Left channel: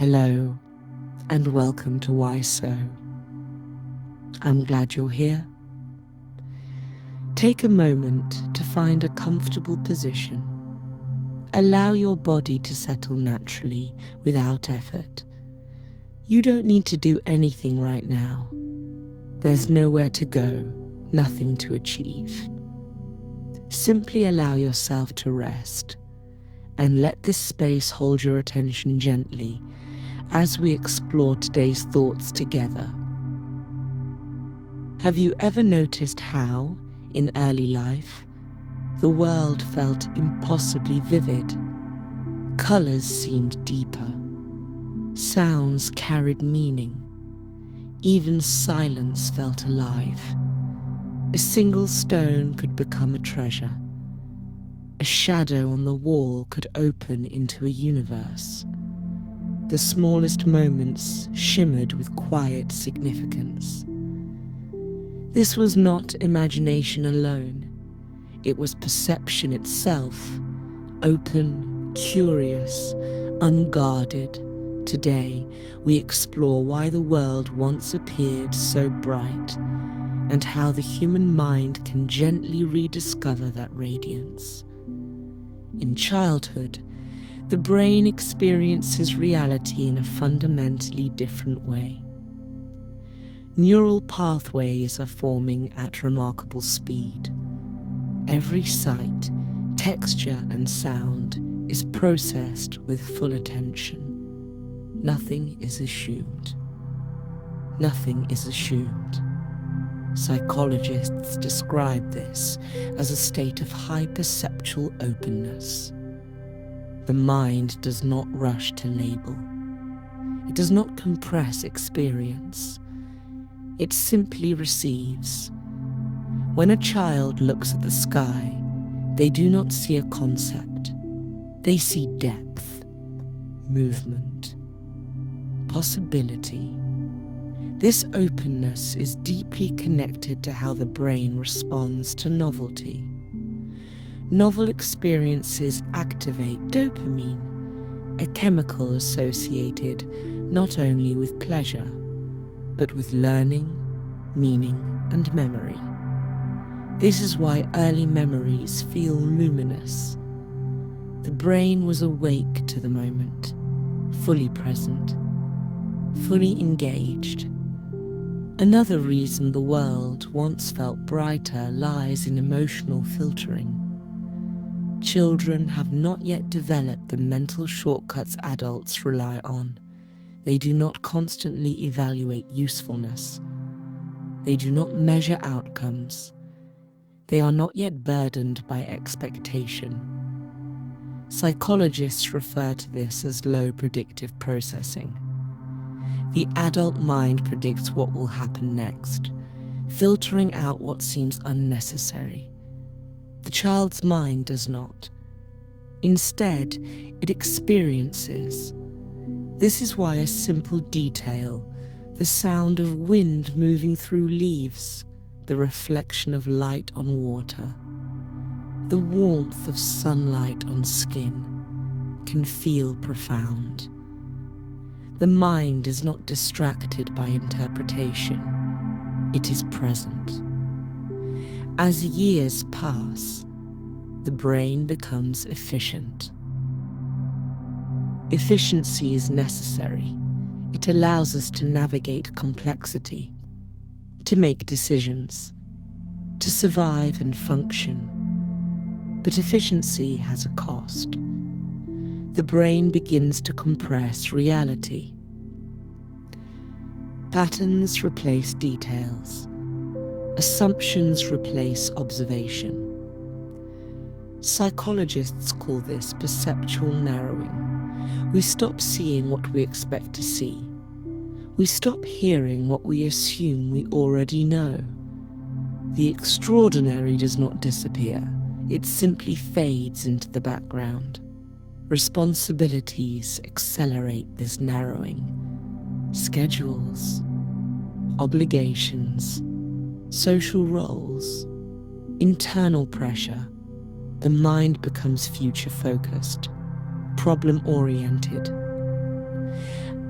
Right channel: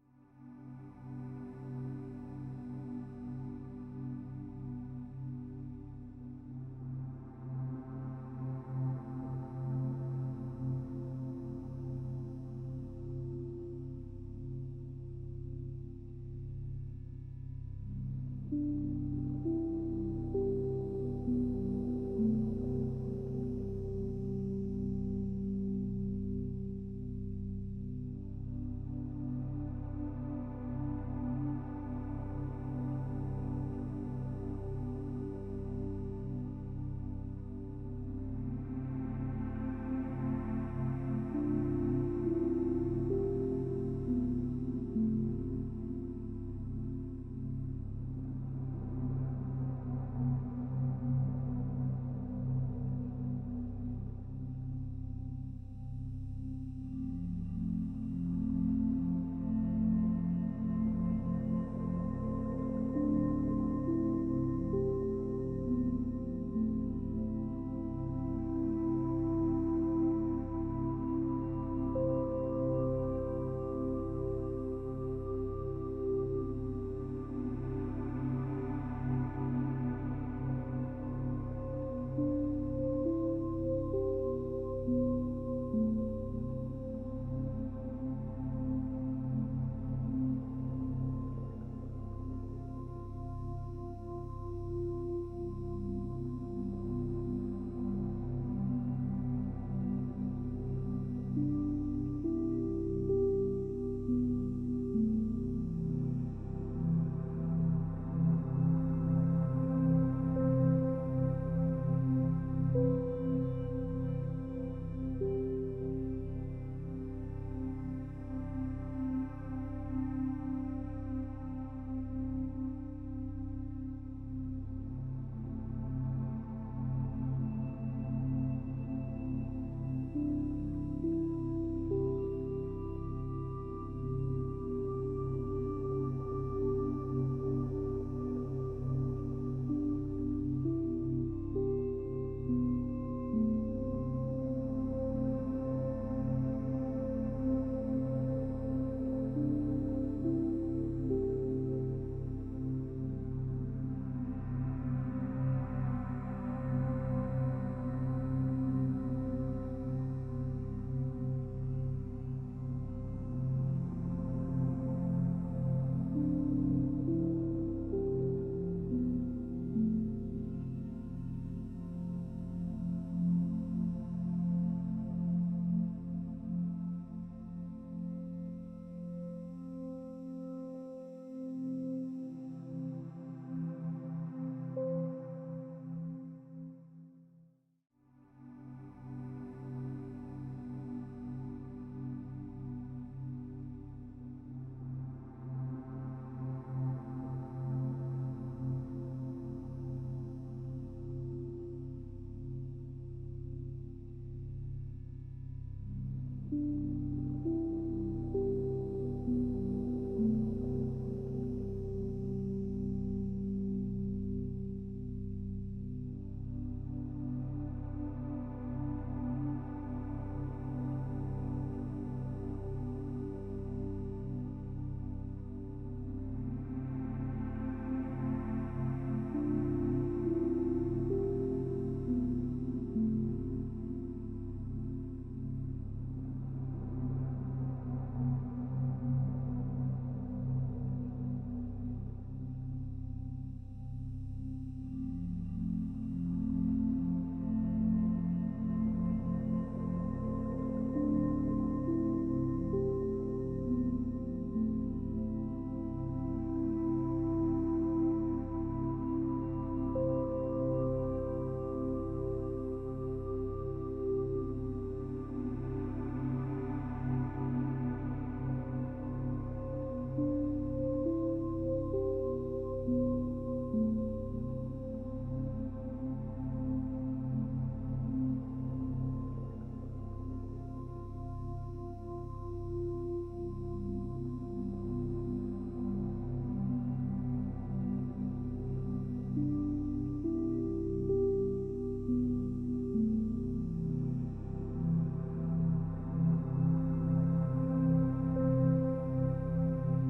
Hello, and welcome to Why So. I'm glad you're here. Take a moment to find a comfortable position. Allow your body to settle naturally without effort. You don't need to do anything right now. There's nowhere to go, nothing to achieve. Simply allow yourself to rest and let this space hold your attention gently as we explore today's thoughts together. Have you ever noticed how, in early life, the world felt impossibly vivid? Colors seemed deeper. Sounds carried meaning. Even silence felt alive. A single stone could become a treasure. A shadow on the wall could open into a universe. The smallest moments shimmered with quiet significance. This was not imagination alone. It was perception itself, open, curious, unguarded. Today, we explore why the world once appeared so bright and how the human mind can gently rediscover that radiance. In childhood, the brain experiences reality in a fundamentally different way. Neural pathways are forming at remarkable speed. Every sight, texture, and sound is processed with full attention. Nothing is assumed. Nothing is assumed. Psychologists describe this as a state of high perceptual openness. The mind does not rush to label. It does not compress experience. It simply receives. When a child looks at the sky, they do not see a concept. They see depth, movement, possibility. This openness is deeply connected to how the brain responds to novelty. Novel experiences activate dopamine, a chemical associated not only with pleasure, but with learning, meaning, and memory. This is why early memories feel luminous. The brain was awake to the moment, fully present, fully engaged. Another reason the world once felt brighter lies in emotional filtering. Children have not yet developed the mental shortcuts adults rely on. They do not constantly evaluate usefulness. They do not measure outcomes. They are not yet burdened by expectation. Psychologists refer to this as low predictive processing. The adult mind predicts what will happen next, filtering out what seems unnecessary. The child's mind does not. Instead, it experiences. This is why a simple detail, the sound of wind moving through leaves, the reflection of light on water, the warmth of sunlight on skin, can feel profound. The mind is not distracted by interpretation. It is present. As years pass, the brain becomes efficient. Efficiency is necessary. It allows us to navigate complexity, to make decisions, to survive and function. But efficiency has a cost. The brain begins to compress reality. Patterns replace details. Assumptions replace observation. Psychologists call this perceptual narrowing. We stop seeing what we expect to see. We stop hearing what we assume we already know. The extraordinary does not disappear. It simply fades into the background. Responsibilities accelerate this narrowing. Schedules, obligations, social roles, internal pressure. The mind becomes future-focused, problem-oriented.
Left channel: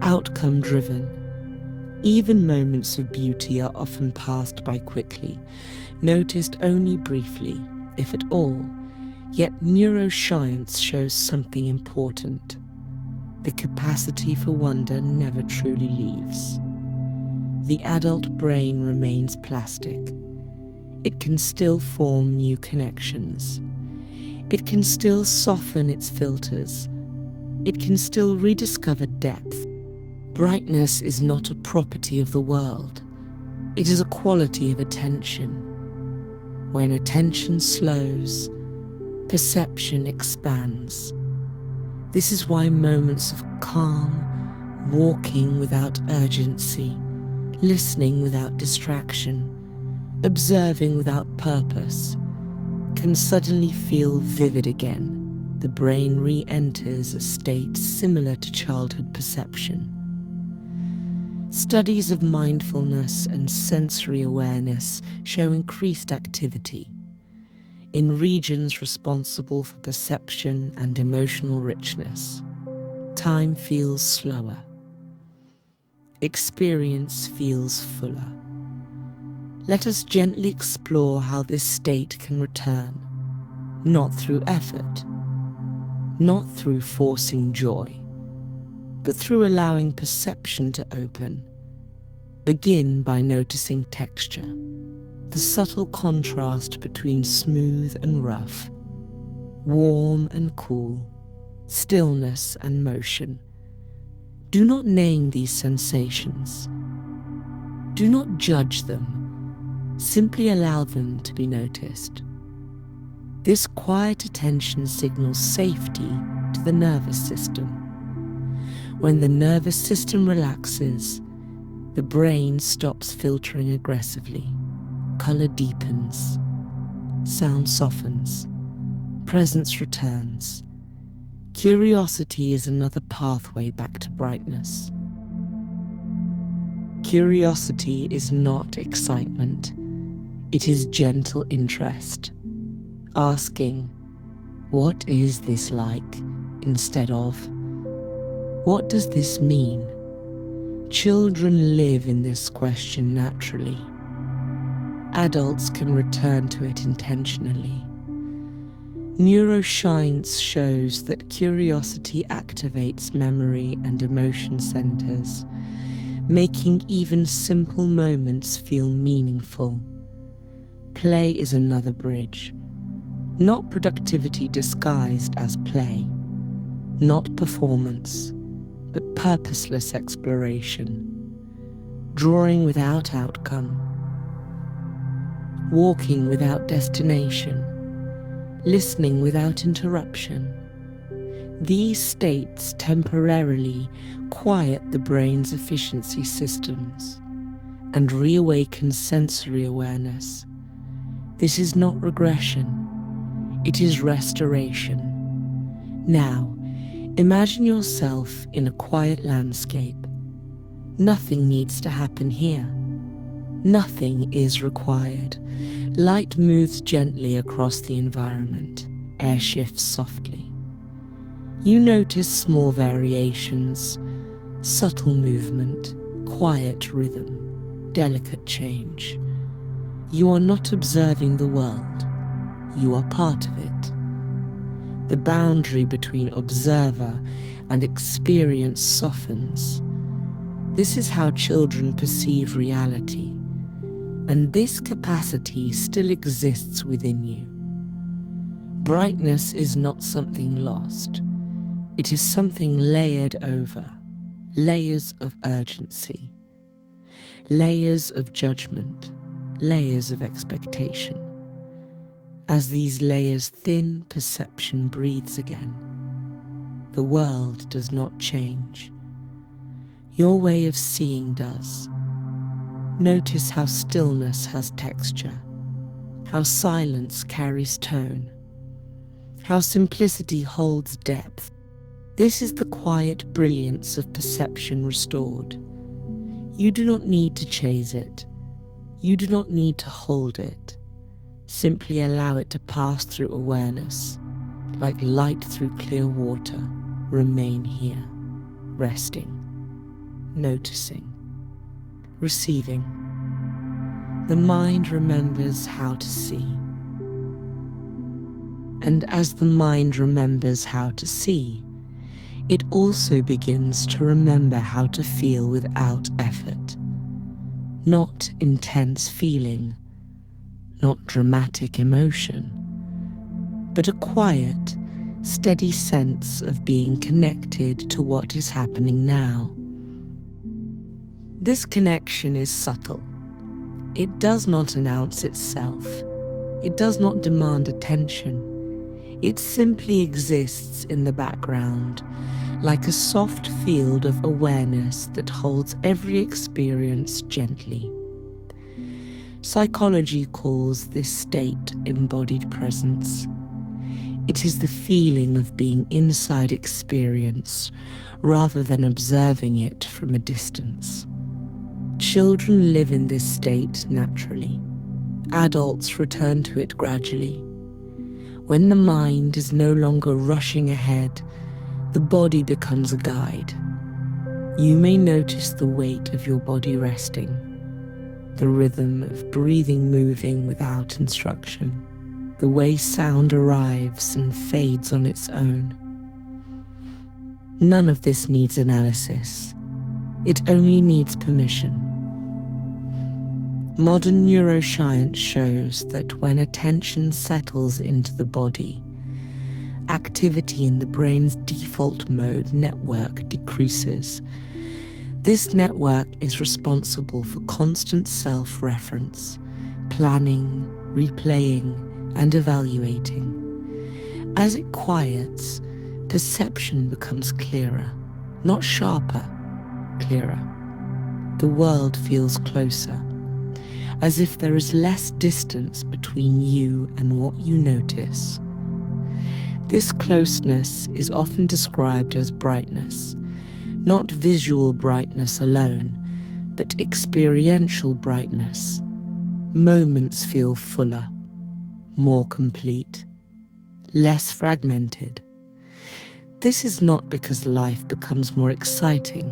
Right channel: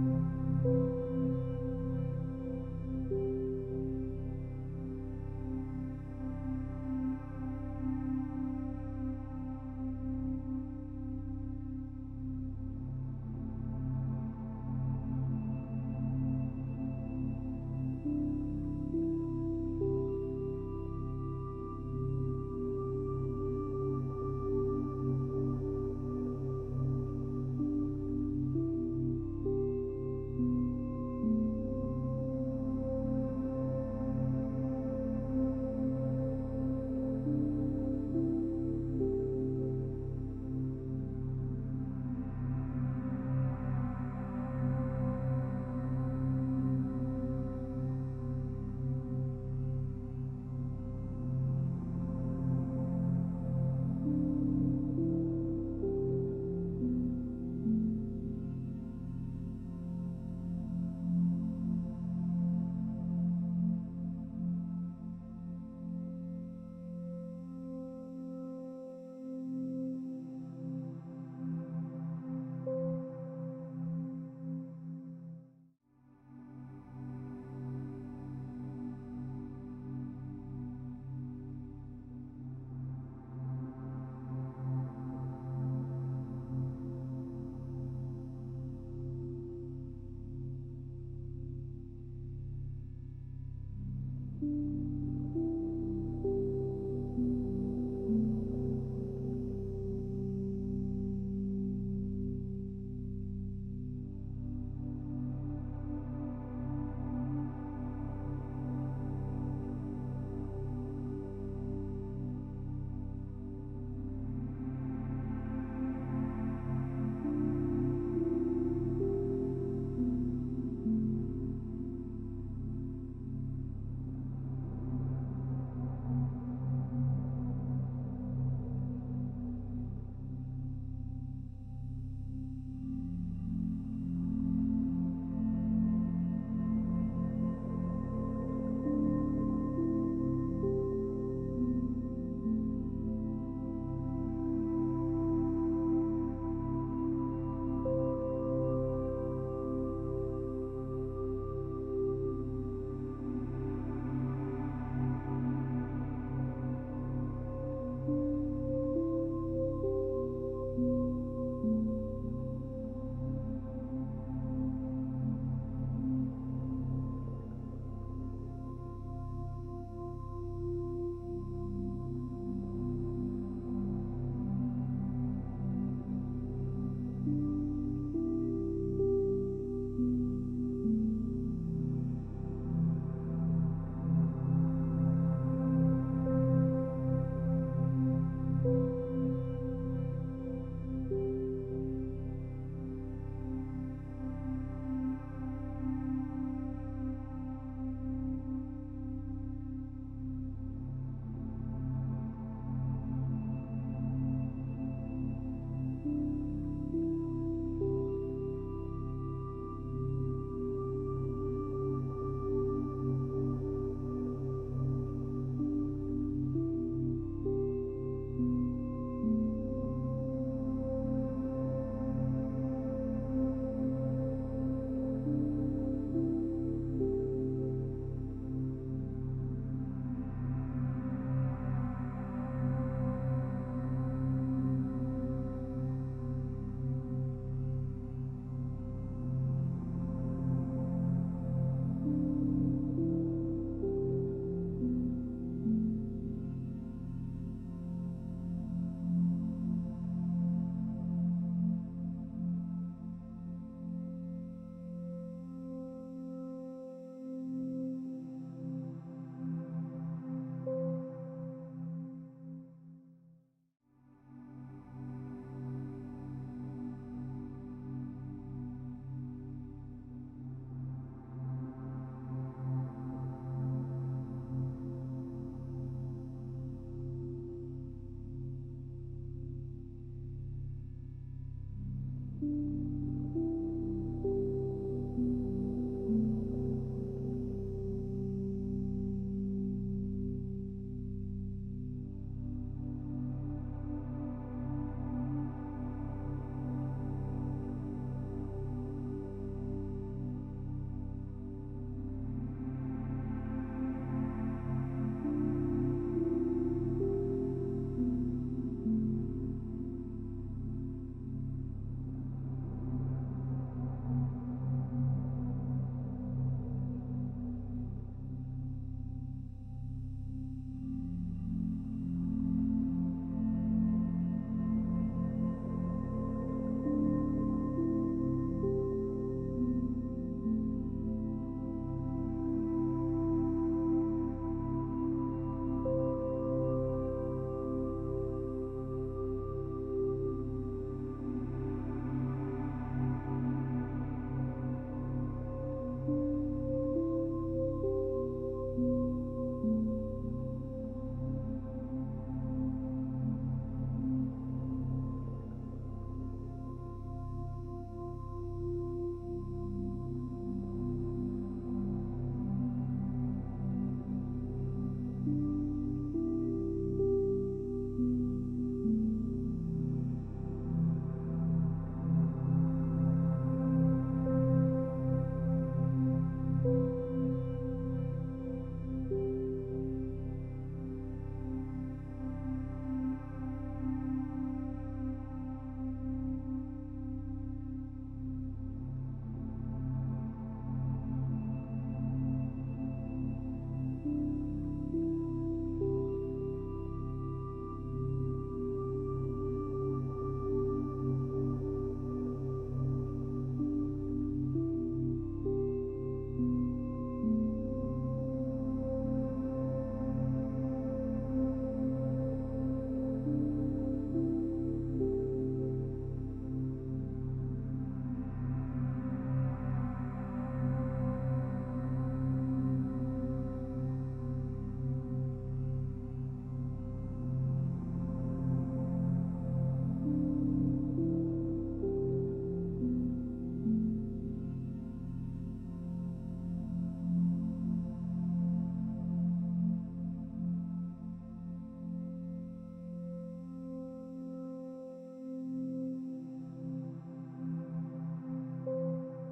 outcome-driven. Even moments of beauty are often passed by quickly, noticed only briefly, if at all. Yet neuroscience shows something important. The capacity for wonder never truly leaves. The adult brain remains plastic. It can still form new connections. It can still soften its filters. It can still rediscover depth. Brightness is not a property of the world. It is a quality of attention. When attention slows, perception expands. This is why moments of calm, walking without urgency, listening without distraction, observing without purpose, can suddenly feel vivid again. The brain re-enters a state similar to childhood perception. Studies of mindfulness and sensory awareness show increased activity in regions responsible for perception and emotional richness. Time feels slower. Experience feels fuller. Let us gently explore how this state can return, not through effort, not through forcing joy, but through allowing perception to open. Begin by noticing texture, the subtle contrast between smooth and rough, warm and cool, stillness and motion. Do not name these sensations. Do not judge them. Simply allow them to be noticed. This quiet attention signals safety to the nervous system. When the nervous system relaxes, the brain stops filtering aggressively. Color deepens. Sound softens. Presence returns. Curiosity is another pathway back to brightness. Curiosity is not excitement. It is gentle interest. Asking, "What is this like?" instead of, "What does this mean?" Children live in this question naturally. Adults can return to it intentionally. Neuroscience shows that curiosity activates memory and emotion centers, making even simple moments feel meaningful. Play is another bridge. Not productivity disguised as play. Not performance, but purposeless exploration. Drawing without outcome. Walking without destination. Listening without interruption. These states temporarily quiet the brain's efficiency systems and reawaken sensory awareness. This is not regression, it is restoration. Now, imagine yourself in a quiet landscape. Nothing needs to happen here. Nothing is required. Light moves gently across the environment. Air shifts softly. You notice small variations, subtle movement, quiet rhythm, delicate change. You are not observing the world. You are part of it. The boundary between observer and experience softens. This is how children perceive reality, and this capacity still exists within you. Brightness is not something lost. It is something layered over, layers of urgency, layers of judgment, layers of expectation. As these layers thin, perception breathes again. The world does not change. Your way of seeing does. Notice how stillness has texture, how silence carries tone, how simplicity holds depth. This is the quiet brilliance of perception restored. You do not need to chase it. You do not need to hold it. Simply allow it to pass through awareness, like light through clear water. Remain here, resting. noticing, receiving. The mind remembers how to see. And as the mind remembers how to see, it also begins to remember how to feel without effort. Not intense feeling, not dramatic emotion, but a quiet, steady sense of being connected to what is happening now. This connection is subtle. It does not announce itself. It does not demand attention. It simply exists in the background, like a soft field of awareness that holds every experience gently. Psychology calls this state embodied presence. It is the feeling of being inside experience rather than observing it from a distance. Children live in this state naturally. Adults return to it gradually. When the mind is no longer rushing ahead, the body becomes a guide. You may notice the weight of your body resting, the rhythm of breathing moving without instruction, the way sound arrives and fades on its own. None of this needs analysis. It only needs permission. Modern neuroscience shows that when attention settles into the body, activity in the brain's default mode network decreases. This network is responsible for constant self-reference, planning, replaying, and evaluating. As it quiets, perception becomes clearer, not sharper, clearer. The world feels closer, as if there is less distance between you and what you notice. This closeness is often described as brightness, not visual brightness alone, but experiential brightness. Moments feel fuller, more complete, less fragmented. This is not because life becomes more exciting,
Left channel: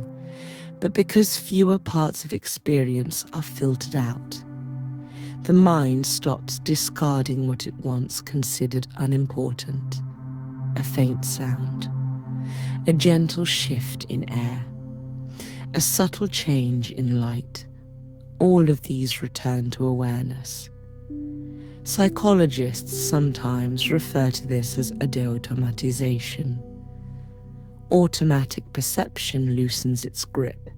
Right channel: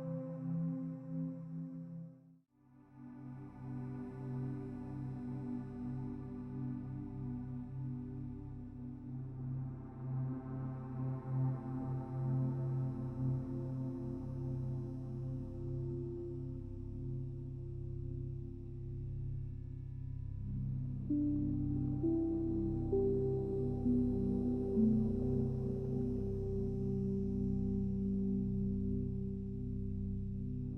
but because fewer parts of experience are filtered out. The mind stops discarding what it once considered unimportant. A faint sound, a gentle shift in air, a subtle change in light. All of these return to awareness. Psychologists sometimes refer to this as a deautomatization. Automatic perception loosens its grip,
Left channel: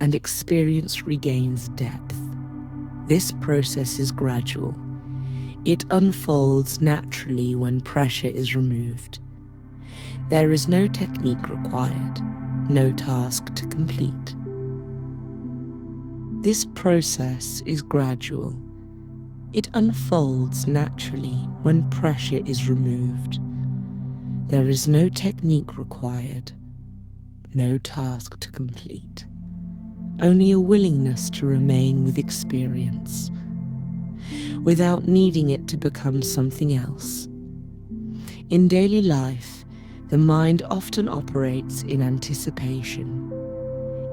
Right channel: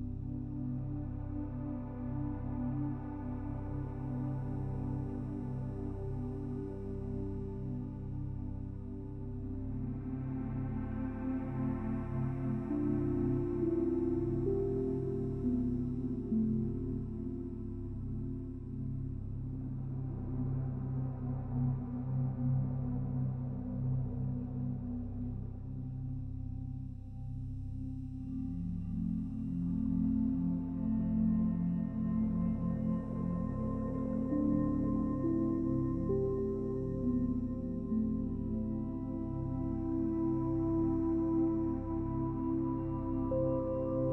and experience regains depth. This process is gradual. It unfolds naturally when pressure is removed. There is no technique required, no task to complete. This process is gradual. It unfolds naturally when pressure is removed. There is no technique required, no task to complete. Only a willingness to remain with experience, without needing it to become something else. In daily life, the mind often operates in anticipation.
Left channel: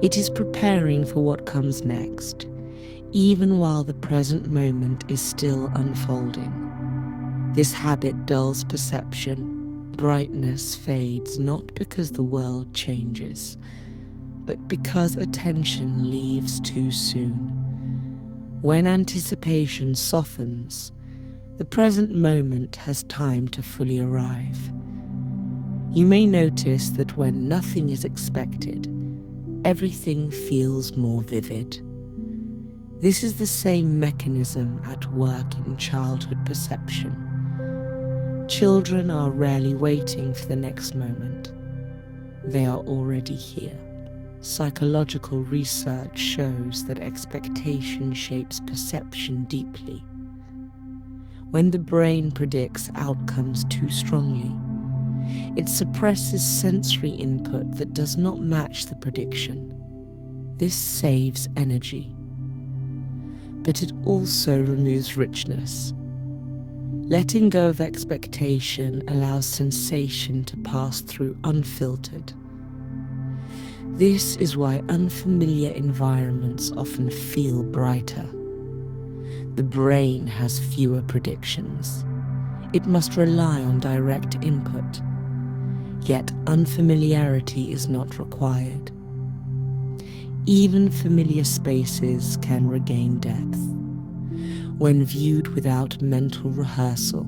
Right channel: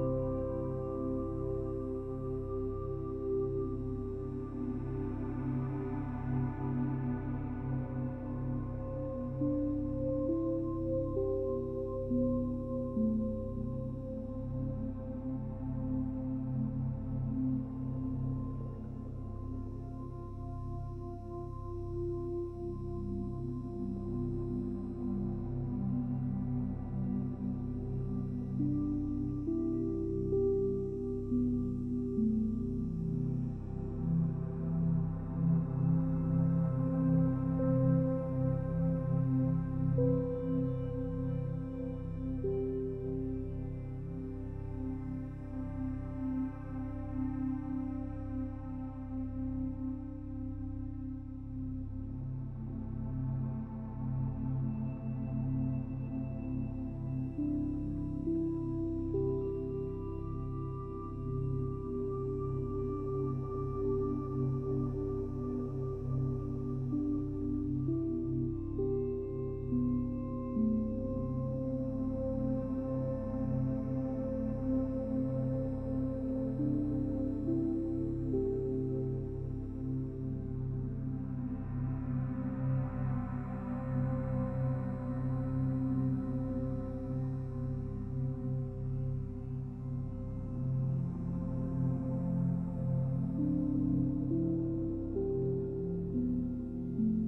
It is preparing for what comes next, even while the present moment is still unfolding. This habit dulls perception. Brightness fades not because the world changes, but because attention leaves too soon. When anticipation softens, the present moment has time to fully arrive. You may notice that when nothing is expected, everything feels more vivid. This is the same mechanism at work in childhood perception. Children are rarely waiting for the next moment. They are already here. Psychological research shows that expectation shapes perception deeply. When the brain predicts outcomes too strongly, it suppresses sensory input that does not match the prediction. This saves energy, but it also removes richness. Letting go of expectation allows sensation to pass through unfiltered. This is why unfamiliar environments often feel brighter. The brain has fewer predictions. It must rely on direct input. Yet unfamiliarity is not required. Even familiar spaces can regain depth when viewed without mental rehearsal,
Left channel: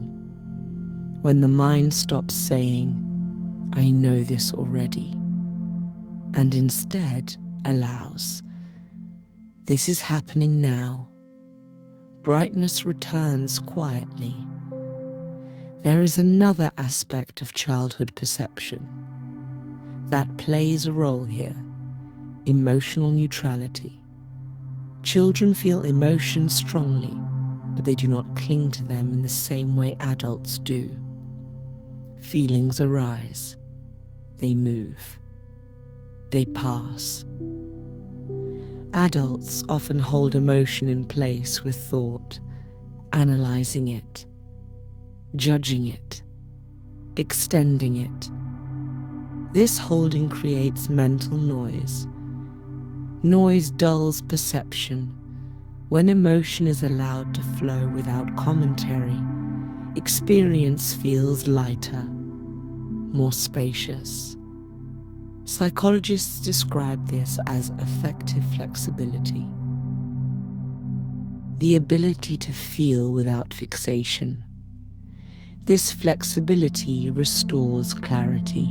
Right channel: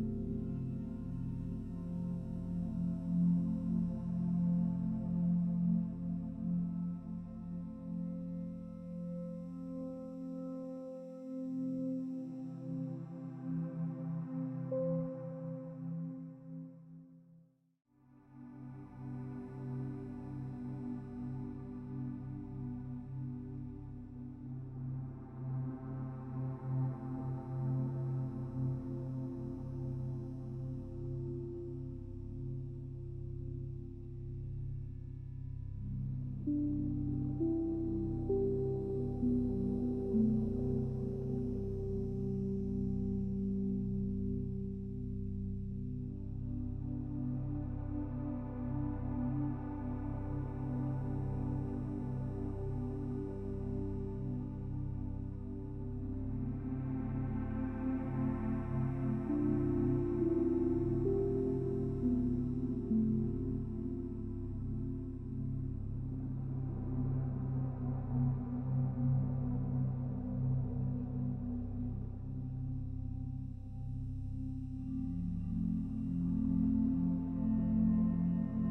when the mind stops saying, "I know this already," and instead allows, "This is happening now." Brightness returns quietly. There is another aspect of childhood perception that plays a role here: emotional neutrality. Children feel emotions strongly, but they do not cling to them in the same way adults do. Feelings arise, they move, they pass. Adults often hold emotion in place with thought, analyzing it, judging it, extending it. This holding creates mental noise. Noise dulls perception. When emotion is allowed to flow without commentary, experience feels lighter, more spacious. Psychologists describe this as affective flexibility, the ability to feel without fixation. This flexibility restores clarity.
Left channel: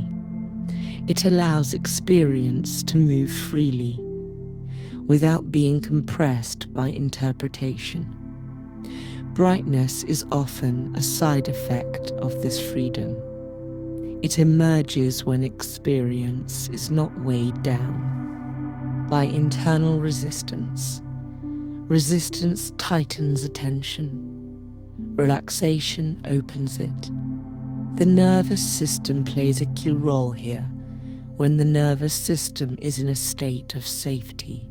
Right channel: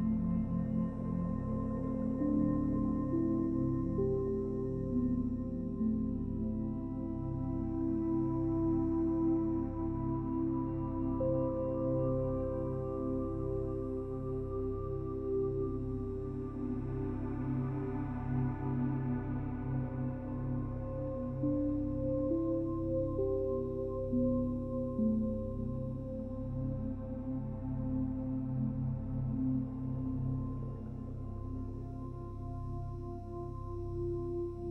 It allows experience to move freely, without being compressed by interpretation. Brightness is often a side effect of this freedom. It emerges when experience is not weighed down by internal resistance. Resistance tightens attention. Relaxation opens it. The nervous system plays a key role here. When the nervous system is in a state of safety,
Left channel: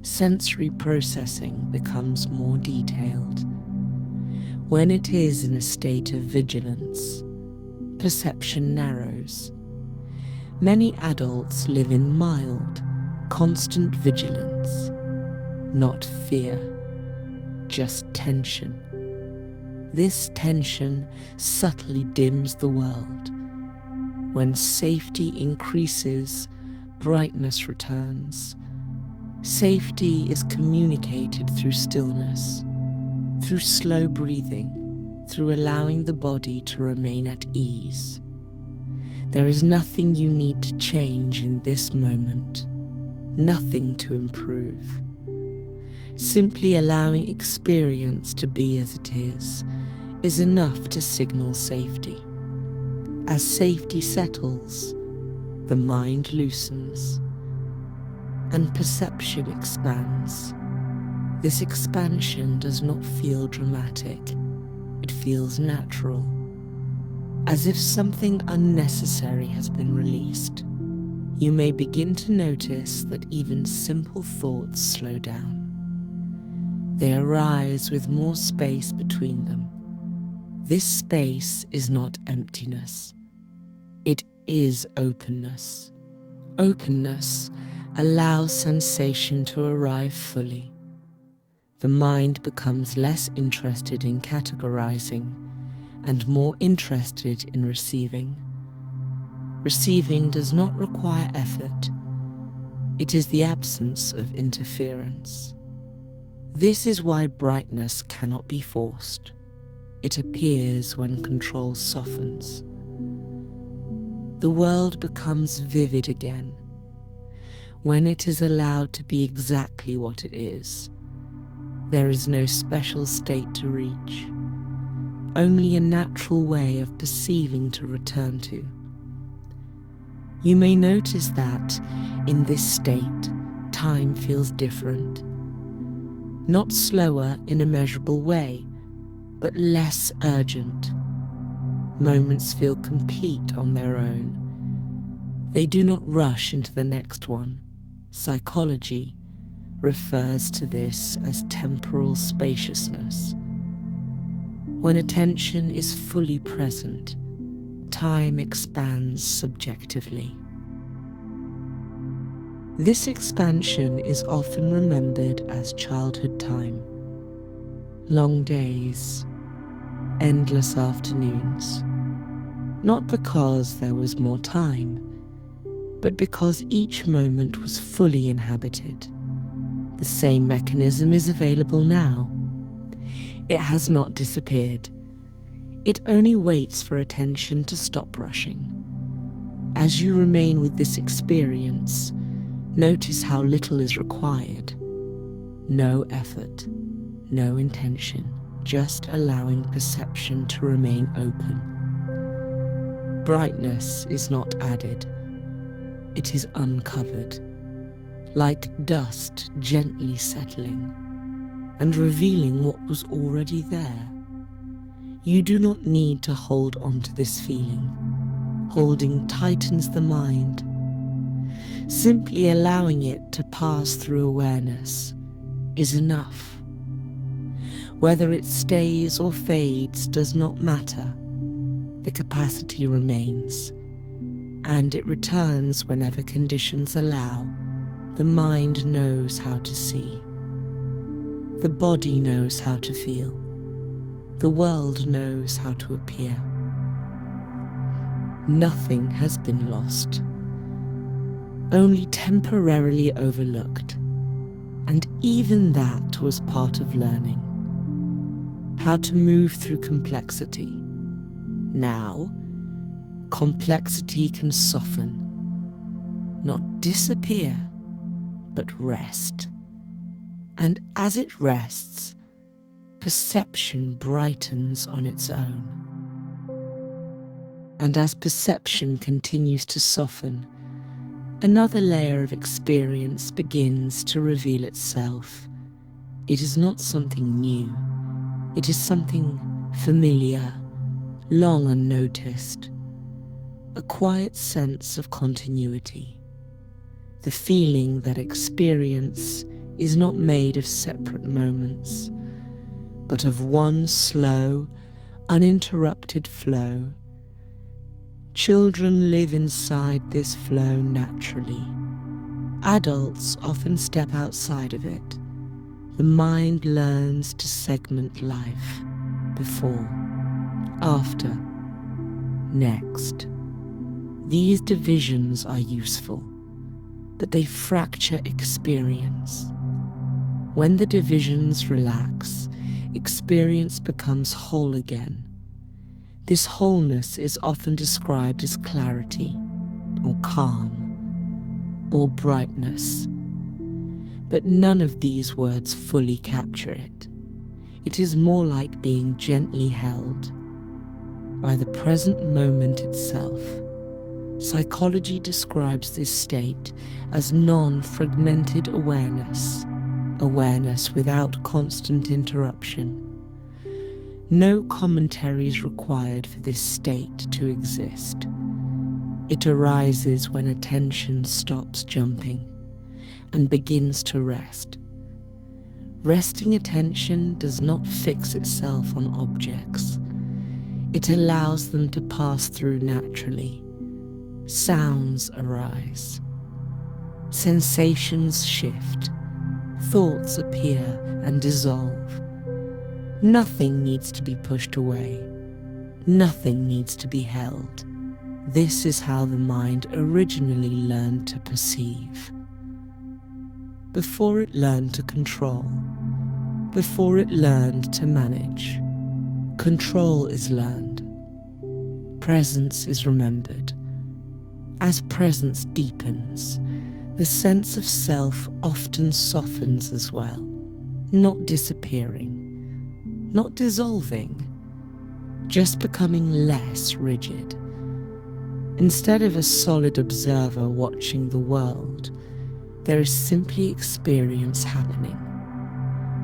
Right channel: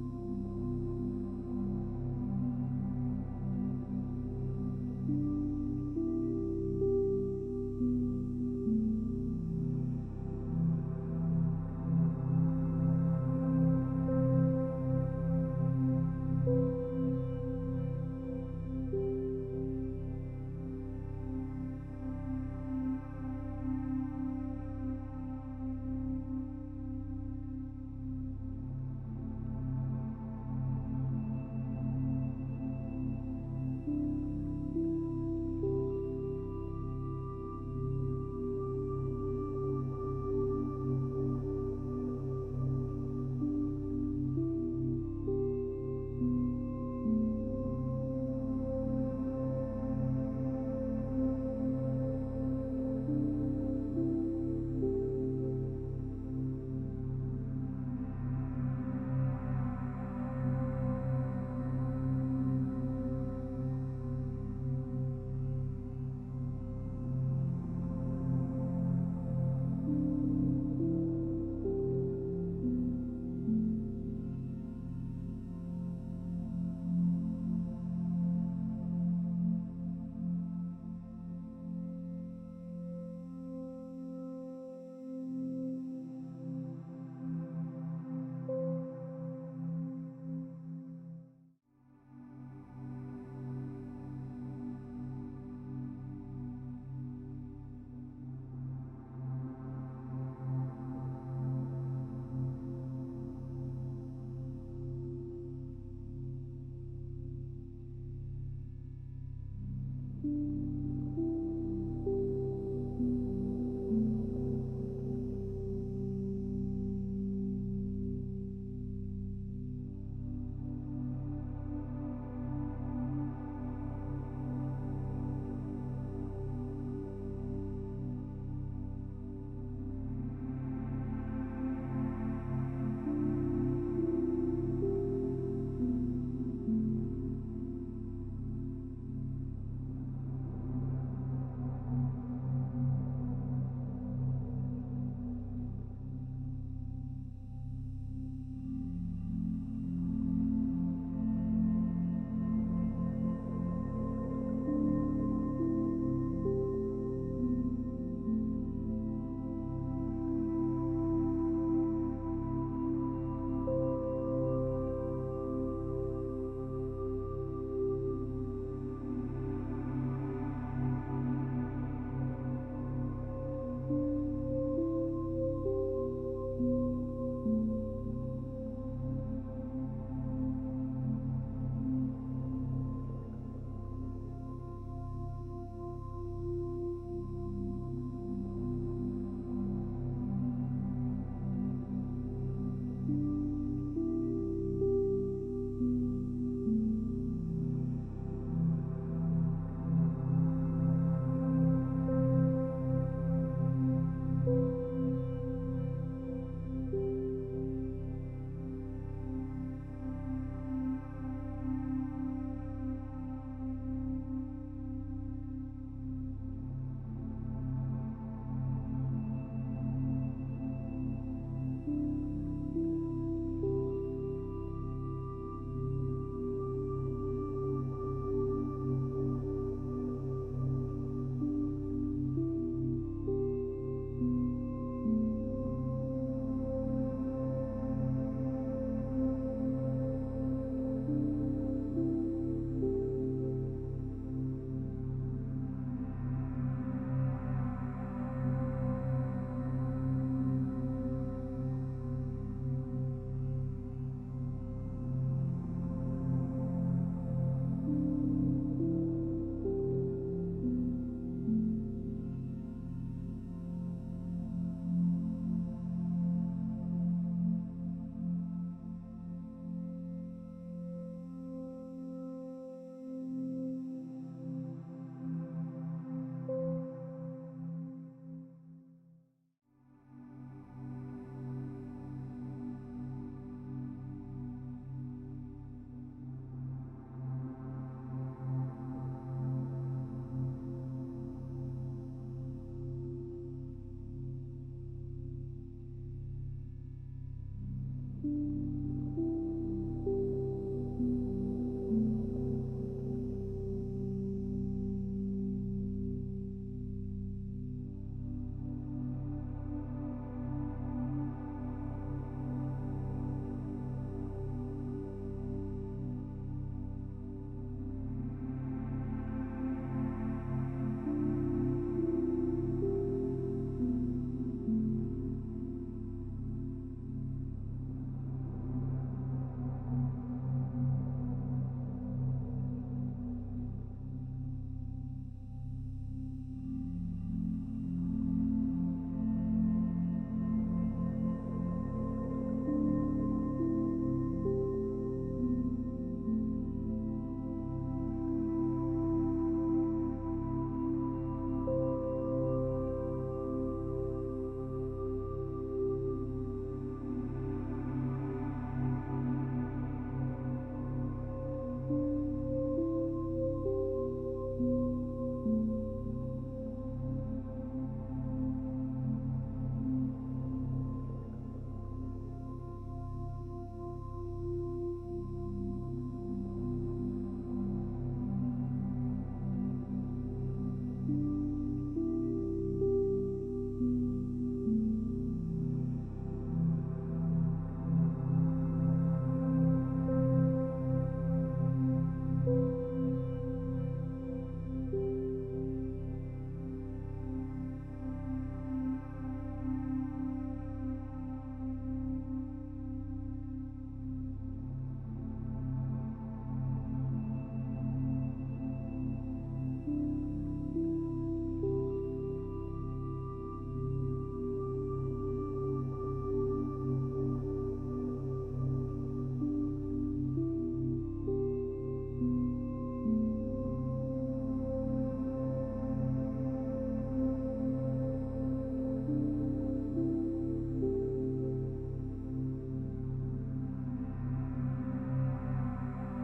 sensory processing becomes more detailed. When it is in a state of vigilance, perception narrows. Many adults live in mild, constant vigilance, not fear, just tension. This tension subtly dims the world. When safety increases, brightness returns. Safety is communicated through stillness, through slow breathing, through allowing the body to remain at ease. There is nothing you need to change in this moment, nothing to improve. Simply allowing experience to be as it is enough to signal safety. As safety settles, the mind loosens, and perception expands. This expansion does not feel dramatic. It feels natural, as if something unnecessary has been released. You may begin to notice that even simple thoughts slow down. They arise with more space between them. This space is not emptiness. It is openness. Openness allows sensation to arrive fully. The mind becomes less interested in categorizing and more interested in receiving. Receiving does not require effort. It is the absence of interference. This is why brightness cannot be forced. It appears when control softens. The world becomes vivid again when it is allowed to be exactly what it is. There is no special state to reach, only a natural way of perceiving to return to. You may notice that, in this state, time feels different. Not slower in a measurable way, but less urgent. Moments feel complete on their own. They do not rush into the next one. Psychology refers to this as temporal spaciousness. When attention is fully present, time expands subjectively. This expansion is often remembered as childhood time. Long days, endless afternoons. Not because there was more time, but because each moment was fully inhabited. The same mechanism is available now. It has not disappeared. It only waits for attention to stop rushing. As you remain with this experience, notice how little is required. No effort, no intention, just allowing perception to remain open. Brightness is not added. It is uncovered, like dust gently settling and revealing what was already there. You do not need to hold on to this feeling. Holding tightens the mind. Simply allowing it to pass through awareness is enough. Whether it stays or fades does not matter. The capacity remains, and it returns whenever conditions allow. The mind knows how to see. The body knows how to feel. The world knows how to appear. Nothing has been lost, only temporarily overlooked, and even that was part of learning. How to move through complexity. Now, complexity can soften, not disappear, but rest. And as it rests, perception brightens on its own. And as perception continues to soften, another layer of experience begins to reveal itself. It is not something new. It is something familiar, long unnoticed. A quiet sense of continuity. The feeling that experience is not made of separate moments, but of one slow, uninterrupted flow. Children live inside this flow naturally. Adults often step outside of it. The mind learns to segment life. Before, after, next. These divisions are useful, but they fracture experience. When the divisions relax, experience becomes whole again. This wholeness is often described as clarity, or calm, or brightness. But none of these words fully capture it. It is more like being gently held by the present moment itself. Psychology describes this state as non-fragmented awareness, awareness without constant interruption. No commentary is required for this state to exist. It arises when attention stops jumping and begins to rest. Resting attention does not fix itself on objects. It allows them to pass through naturally. Sounds arise. Sensations shift. Thoughts appear and dissolve. Nothing needs to be pushed away. Nothing needs to be held. This is how the mind originally learned to perceive. Before it learned to control, before it learned to manage, control is learned. Presence is remembered. As presence deepens, the sense of self often softens as well, not disappearing, not dissolving, just becoming less rigid. Instead of a solid observer watching the world, there is simply experience happening.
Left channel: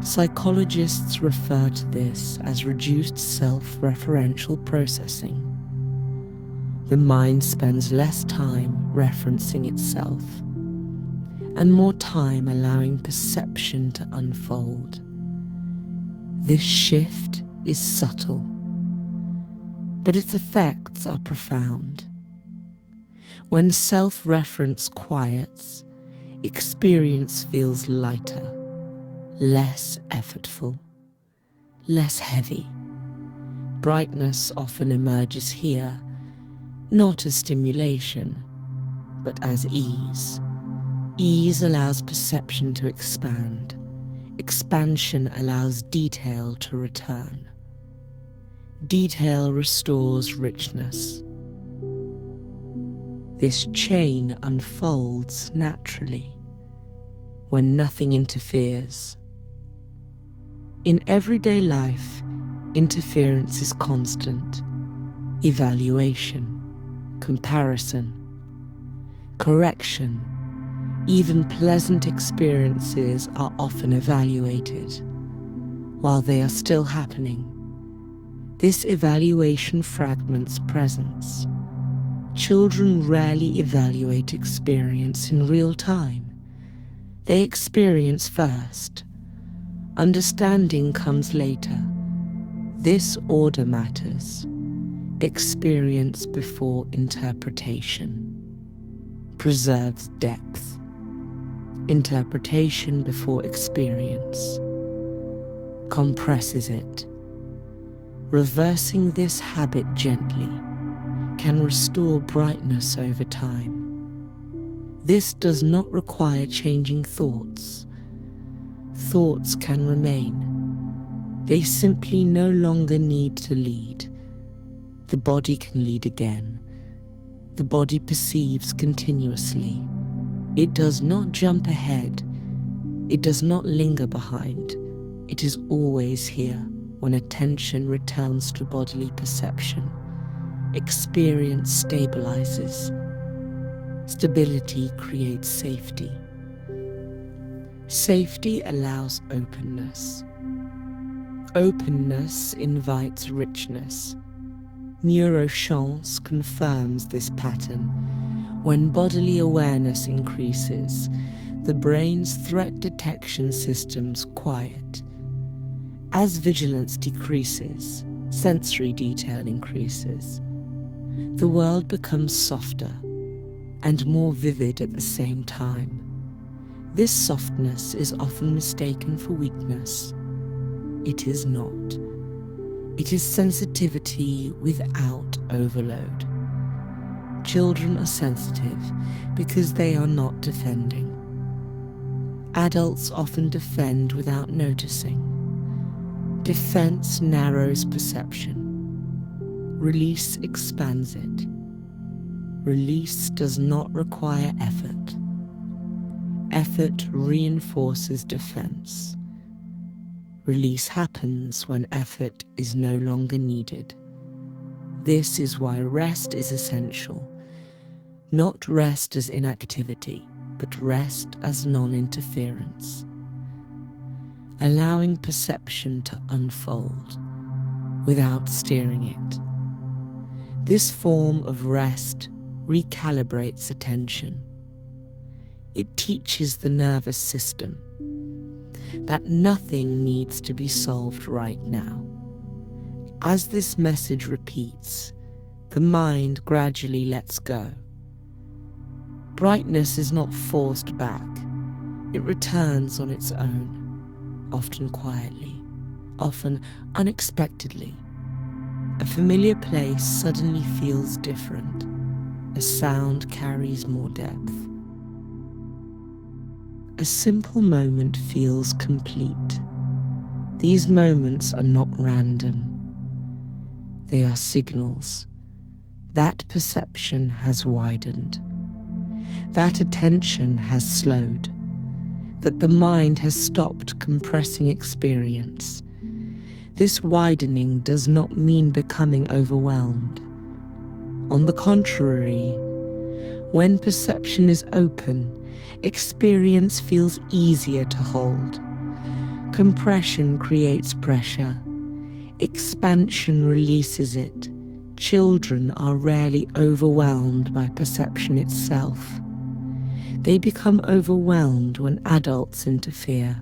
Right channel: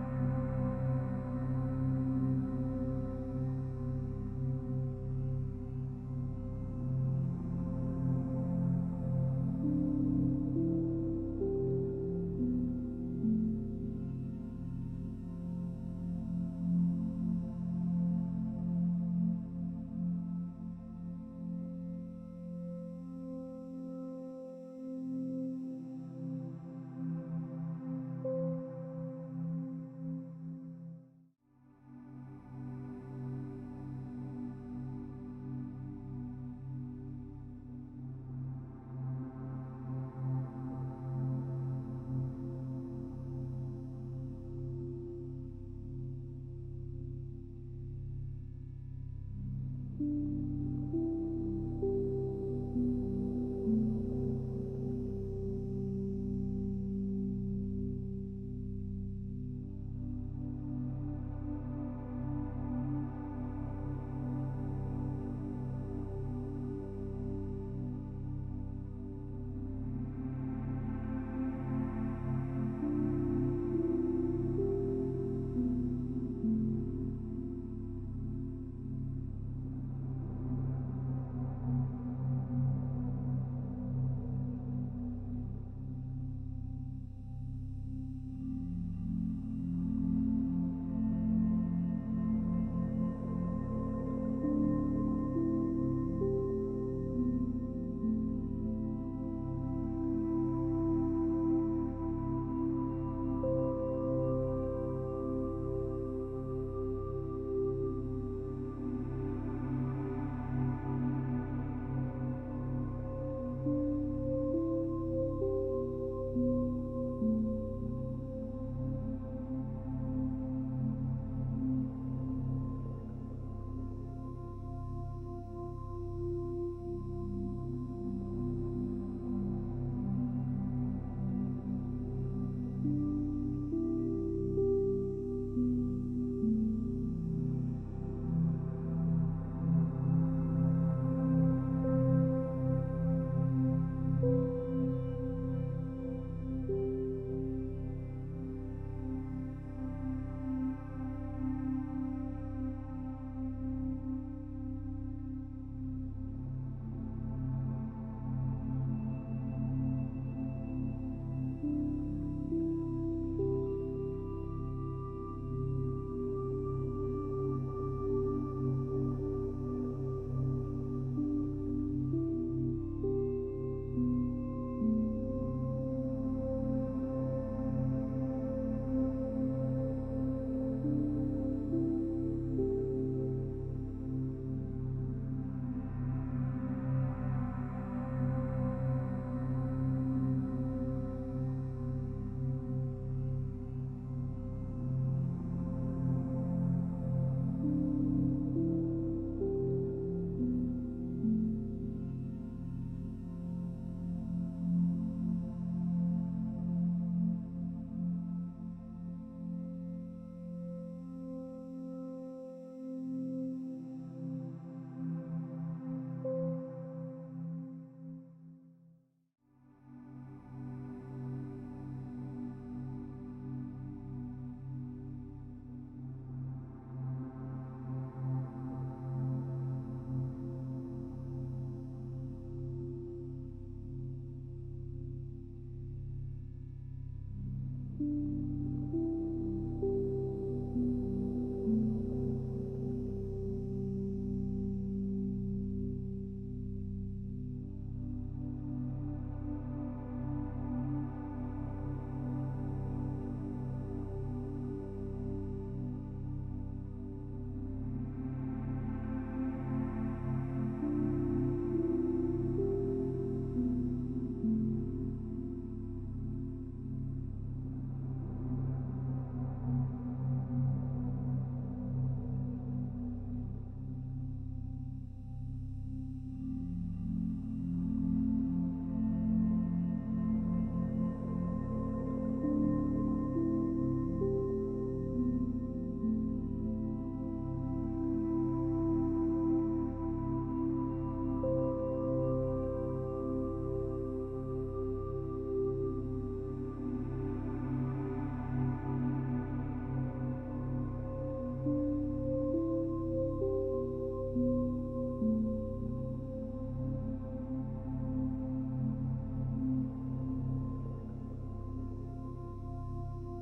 Psychologists refer to this as reduced self-referential processing. The mind spends less time referencing itself and more time allowing perception to unfold. This shift is subtle, but its effects are profound. When self-reference quiets, experience feels lighter, less effortful, less heavy. Brightness often emerges here, not as stimulation, but as ease. Ease allows perception to expand. Expansion allows detail to return. Detail restores richness. This chain unfolds naturally when nothing interferes. In everyday life, interference is constant. Evaluation, comparison, correction, even pleasant experiences are often evaluated while they are still happening. This evaluation fragments presence. Children rarely evaluate experience in real time. They experience first. Understanding comes later. This order matters. Experience before interpretation preserves depth. Interpretation before experience compresses it. Reversing this habit gently can restore brightness over time. This does not require changing thoughts. Thoughts can remain. They simply no longer need to lead. The body can lead again. The body perceives continuously. It does not jump ahead. It does not linger behind. It is always here when attention returns to bodily perception. Experience stabilizes. Stability creates safety. Safety allows openness. Openness invites richness. Neuroscience confirms this pattern. When bodily awareness increases, the brain's threat detection systems quiet. As vigilance decreases, sensory detail increases. The world becomes softer and more vivid at the same time. This softness is often mistaken for weakness. It is not. It is sensitivity without overload. Children are sensitive because they are not defending. Adults often defend without noticing. Defense narrows perception. Release expands it. Release does not require effort. Effort reinforces defense. Release happens when effort is no longer needed. This is why rest is essential. Not rest as inactivity, but rest as non-interference. Allowing perception to unfold without steering it. This form of rest recalibrates attention. It teaches the nervous system that nothing needs to be solved right now. As this message repeats, the mind gradually lets go. Brightness is not forced back. It returns on its own, often quietly, often unexpectedly. A familiar place suddenly feels different. A sound carries more depth. A simple moment feels complete. These moments are not random. They are signals. That perception has widened. That attention has slowed. That the mind has stopped compressing experience. This widening does not mean becoming overwhelmed. On the contrary, when perception is open, experience feels easier to hold. Compression creates pressure. Expansion releases it. Children are rarely overwhelmed by perception itself. They become overwhelmed when adults interfere.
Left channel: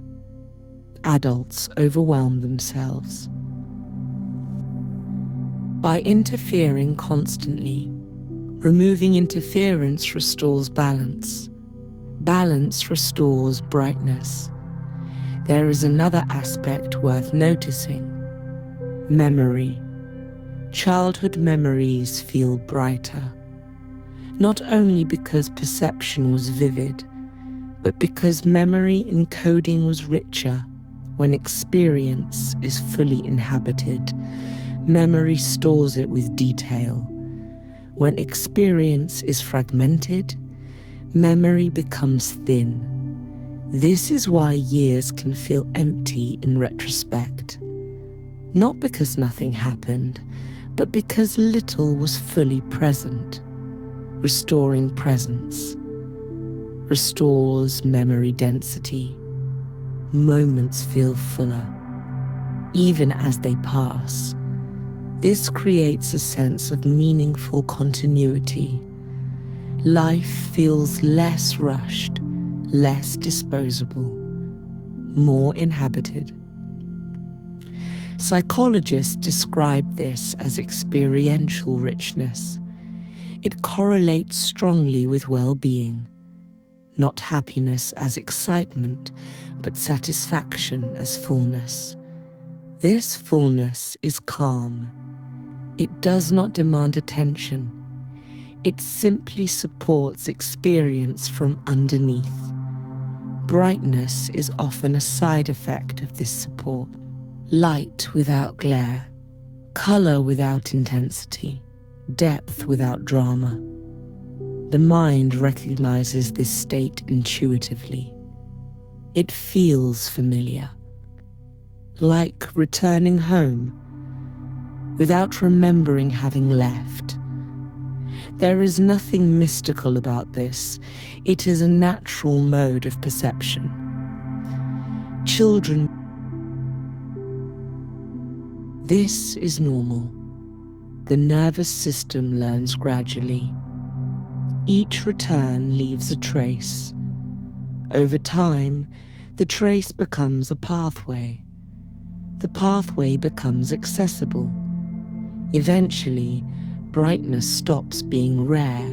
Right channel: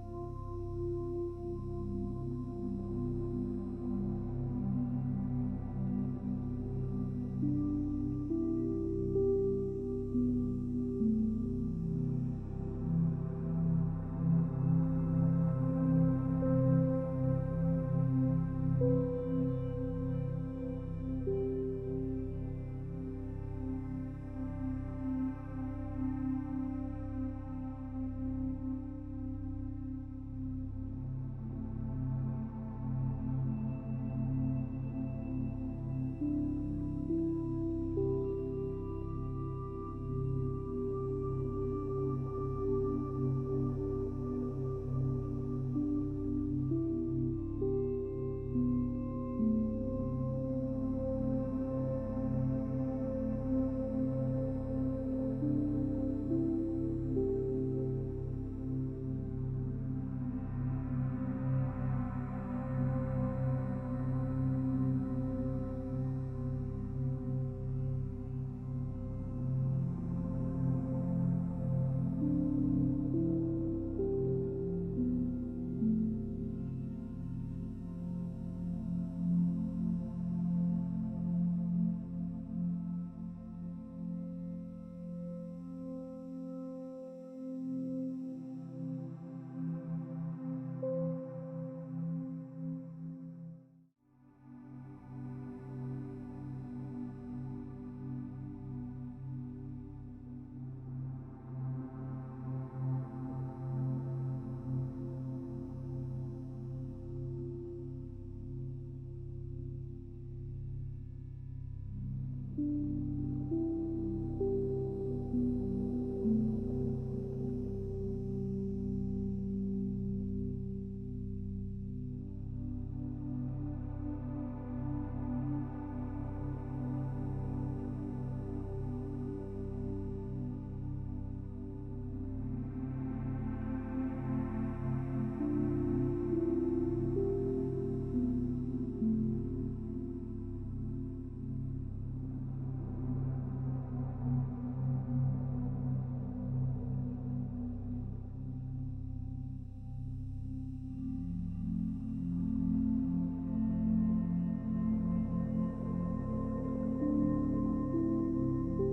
Adults overwhelm themselves. By interfering constantly, removing interference restores balance. Balance restores brightness. There is another aspect worth noticing: memory. Childhood memories feel brighter, not only because perception was vivid, but because memory encoding was richer. When experience is fully inhabited, memory stores it with detail. When experience is fragmented, memory becomes thin. This is why years can feel empty in retrospect. Not because nothing happened, but because little was fully present. Restoring presence restores memory density. Moments feel fuller, even as they pass. This creates a sense of meaningful continuity. Life feels less rushed, less disposable, more inhabited. Psychologists describe this as experiential richness. It correlates strongly with well-being, not happiness as excitement, but satisfaction as fullness. This fullness is calm. It does not demand attention. It simply supports experience from underneath. Brightness is often a side effect of this support. Light without glare, color without intensity, depth without drama. The mind recognizes this state intuitively. It feels familiar, like returning home without remembering having left. There is nothing mystical about this. It is a natural mode of perception. Children, this is normal. The nervous system learns gradually. Each return leaves a trace. Over time, the trace becomes a pathway. The pathway becomes accessible. Eventually, brightness stops being rare.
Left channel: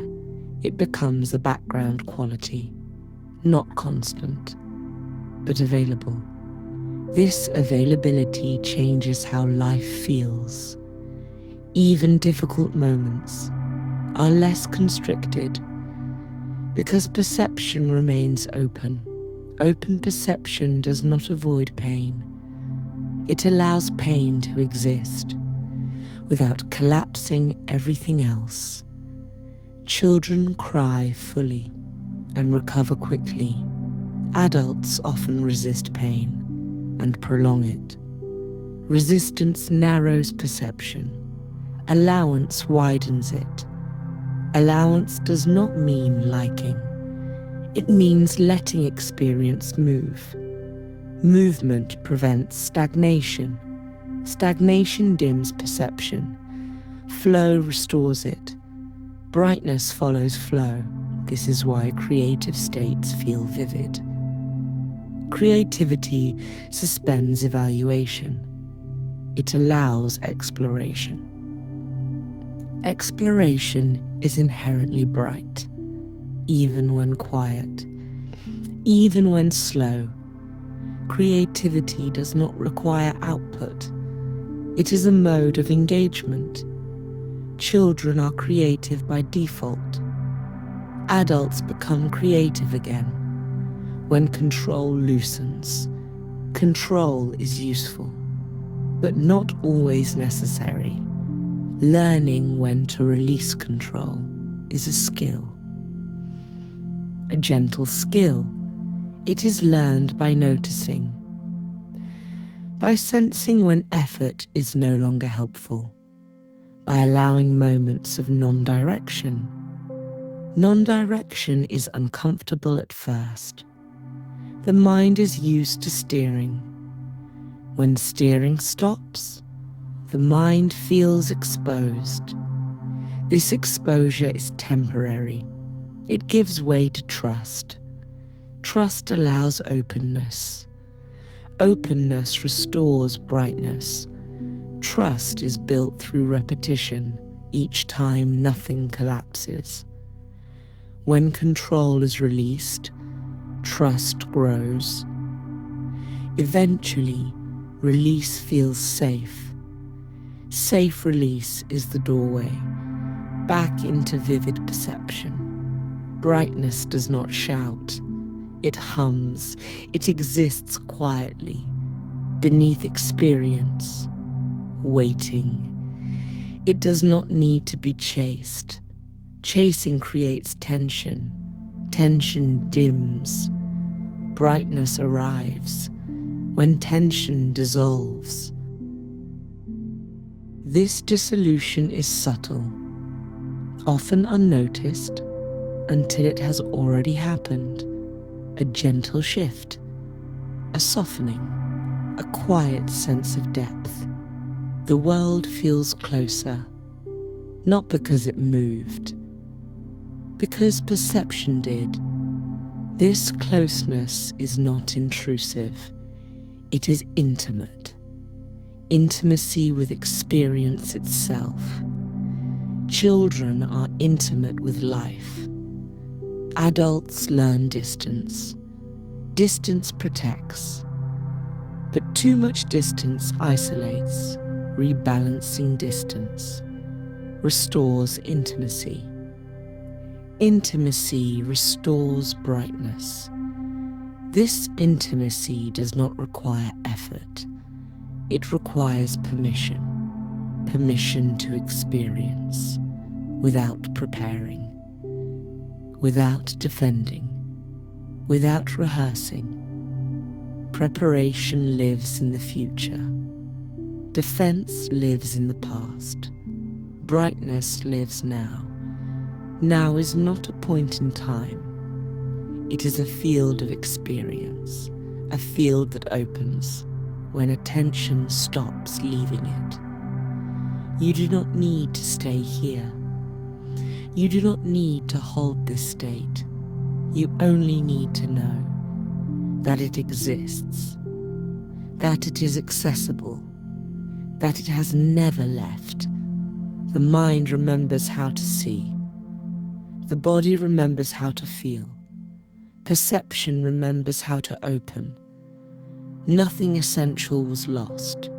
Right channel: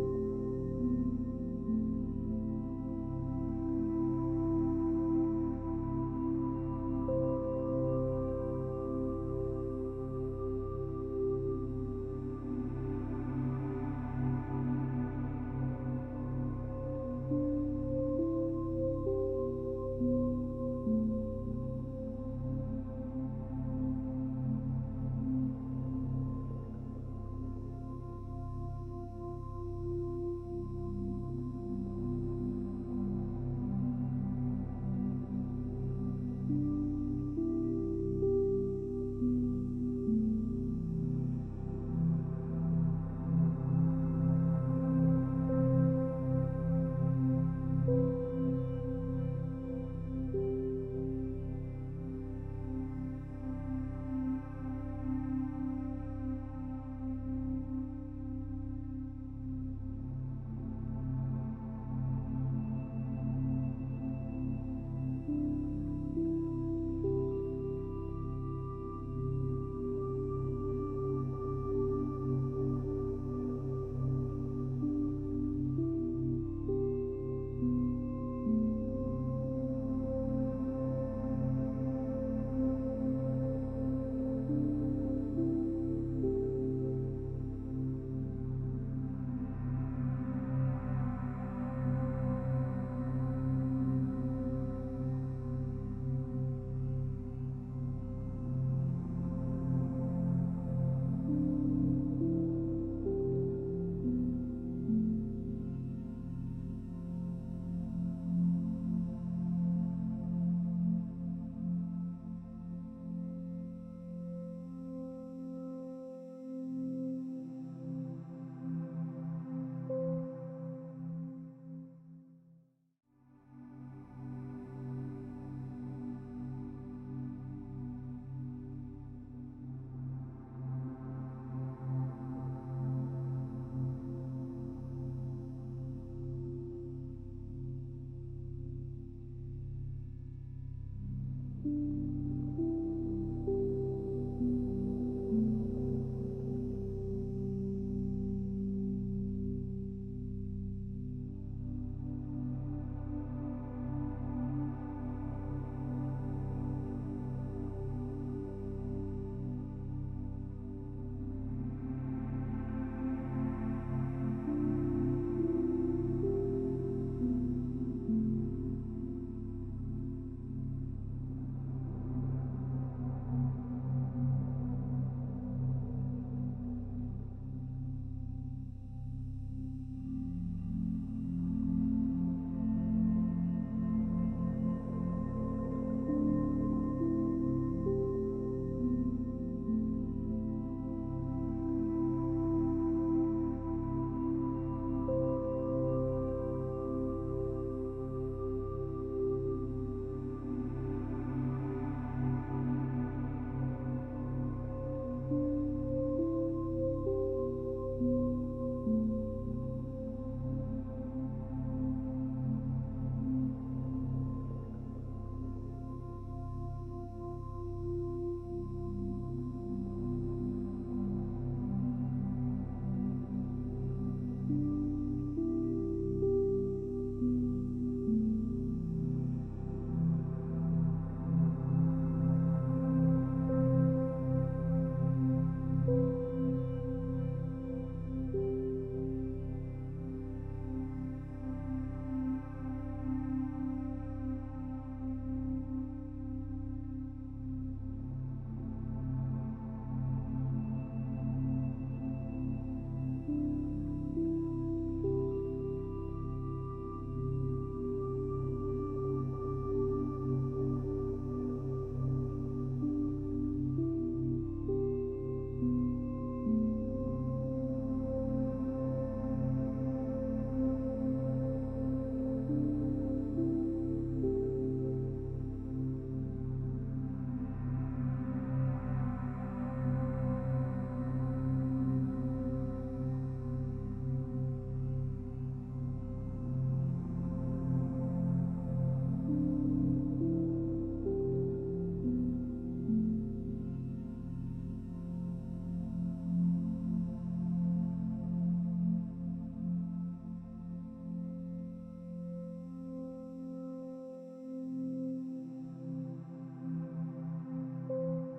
It becomes a background quality, not constant, but available. This availability changes how life feels. Even difficult moments are less constricted because perception remains open. Open perception does not avoid pain. It allows pain to exist without collapsing everything else. Children cry fully and recover quickly. Adults often resist pain and prolong it. Resistance narrows perception. Allowance widens it. Allowance does not mean liking. It means letting experience move. Movement prevents stagnation. Stagnation dims perception. Flow restores it. Brightness follows flow. This is why creative states feel vivid. Creativity suspends evaluation. It allows exploration. Exploration is inherently bright, even when quiet, even when slow. Creativity does not require output. It is a mode of engagement. Children are creative by default. Adults become creative again when control loosens. Control is useful, but not always necessary. Learning when to release control is a skill. A gentle skill. It is learned by noticing, by sensing when effort is no longer helpful, by allowing moments of non-direction. Non-direction is uncomfortable at first. The mind is used to steering. When steering stops, the mind feels exposed. This exposure is temporary. It gives way to trust. Trust allows openness. Openness restores brightness. Trust is built through repetition. Each time nothing collapses. When control is released, Trust grows. Eventually, release feels safe. Safe release is the doorway back into vivid perception. Brightness does not shout. It hums. It exists quietly, beneath experience, waiting. It does not need to be chased. Chasing creates tension. Tension dims. Brightness arrives when tension dissolves. This dissolution is subtle, often unnoticed, until it has already happened. A gentle shift, a softening, a quiet sense of depth. The world feels closer, not because it moved, because perception did. This closeness is not intrusive. It is intimate. Intimacy with experience itself. Children are intimate with life. Adults learn distance. Distance protects. But too much distance isolates. Rebalancing distance restores intimacy. Intimacy restores brightness. This intimacy does not require effort. It requires permission. Permission to experience without preparing, without defending, without rehearsing. Preparation lives in the future. Defense lives in the past. Brightness lives now. Now is not a point in time. It is a field of experience, a field that opens when attention stops leaving it. You do not need to stay here. You do not need to hold this state. You only need to know that it exists, that it is accessible, that it has never left. The mind remembers how to see. The body remembers how to feel. Perception remembers how to open. Nothing essential was lost.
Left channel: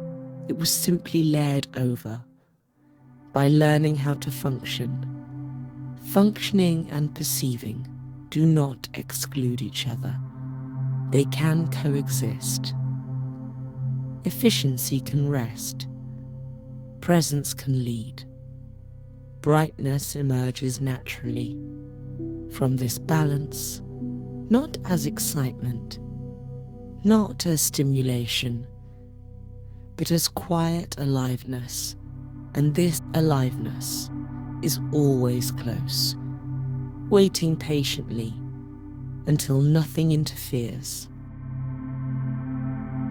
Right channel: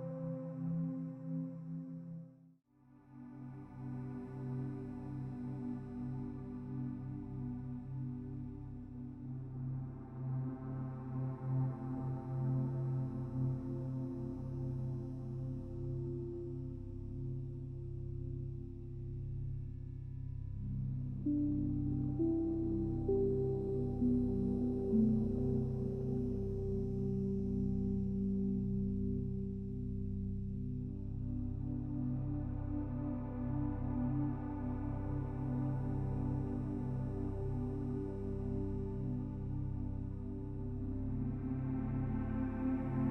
It was simply layered over. By learning how to function, functioning and perceiving do not exclude each other. They can coexist. Efficiency can rest. Presence can lead. Brightness emerges naturally from this balance, not as excitement, not as stimulation, but as quiet aliveness. And this aliveness is always close, waiting patiently until nothing interferes.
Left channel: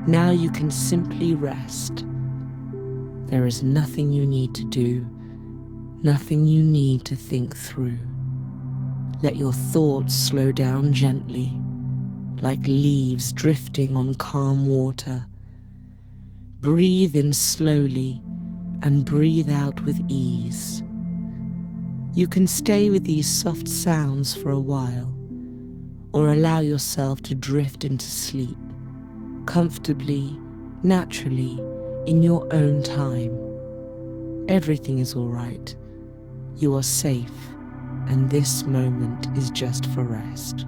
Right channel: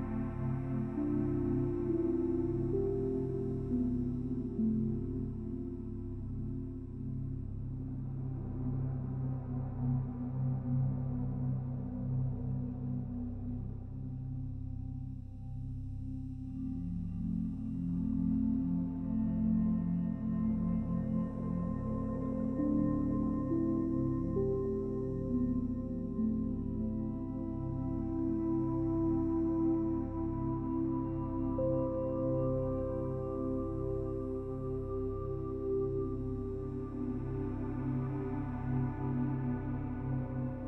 Now you can simply rest. There is nothing you need to do, nothing you need to think through. Let your thoughts slow down gently, like leaves drifting on calm water. Breathe in slowly and breathe out with ease. You can stay with these soft sounds for a while, or allow yourself to drift into sleep, comfortably, naturally, in your own time. Everything is all right. You are safe, and this moment is just for rest.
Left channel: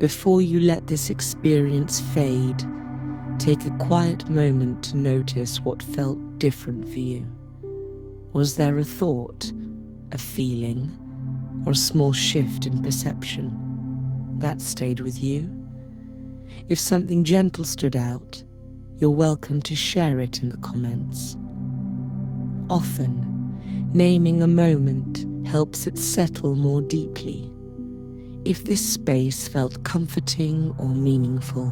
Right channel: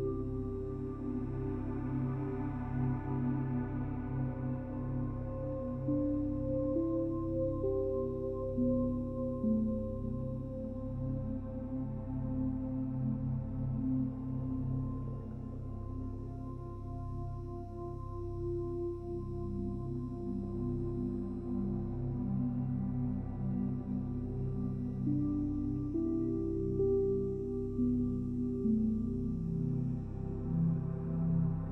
Before you let this experience fade, take a quiet moment to notice what felt different for you. Was there a thought, a feeling, or a small shift in perception that stayed with you? If something gentle stood out, you're welcome to share it in the comments. Often, naming a moment helps it settle more deeply. If this space felt comforting or meaningful,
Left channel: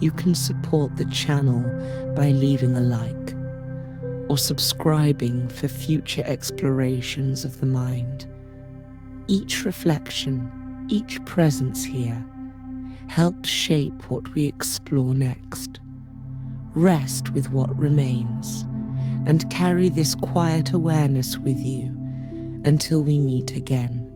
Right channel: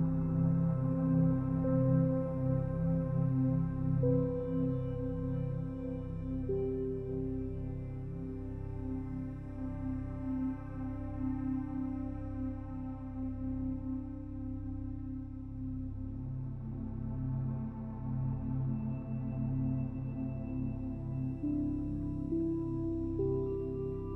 you can support the channel by leaving a like or subscribing for future explorations of the mind. Each reflection, each presence here helps shape what we explore next. Rest with what remains and carry this quiet awareness with you until we meet again.